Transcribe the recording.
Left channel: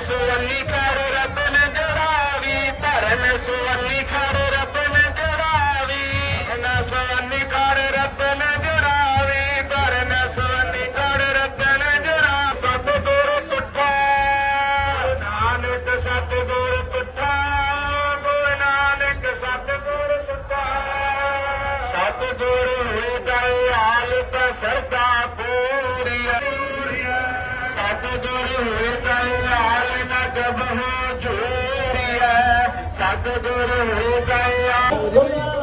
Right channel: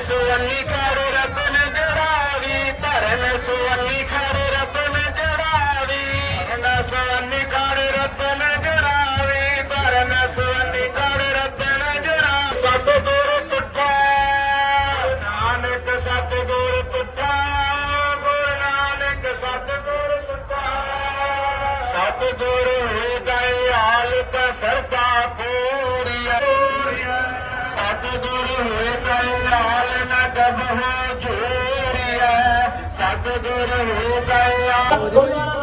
ਸੁਵੰਨੀ ਖੜ ਰਤਨ ਜੜਾਵੀ ਧਰਨ ਸੁਵੰਨੀ ਖੜ ਰਤਨ ਜੜਾਵੀ। ਧਰਨ ਸੁਵੰਨੀ ਖੜ ਰਤਨ ਜੜਾਵੀ ਧਰਨ ਸੁਵੰਨੀ ਖੜ ਰਤਨ ਜੜਾ ਸਤ ਗੁਰ ਟੁੱਟਾ ਨਾਨਕ ਸਤ ਗੁਰ ਟੁੱਟਾ ਗੁਰ ਨਾਨਕ ਸਤ ਗੁਰ ਟੁੱਟਾ ਸਤ ਗੁਰ ਹੋਏ ਦਇਆਲ ਤਾ ਸਰਦਾ ਪੂਰੀਆ। ਸਤ ਗੁਰ ਹੋਏ ਦਇਆਲ ਨਾ ਨਗਬ ਹੋ ਜੋਰੀਆ ਸਤਿਗੁਰ ਹੋ ਗਿਆ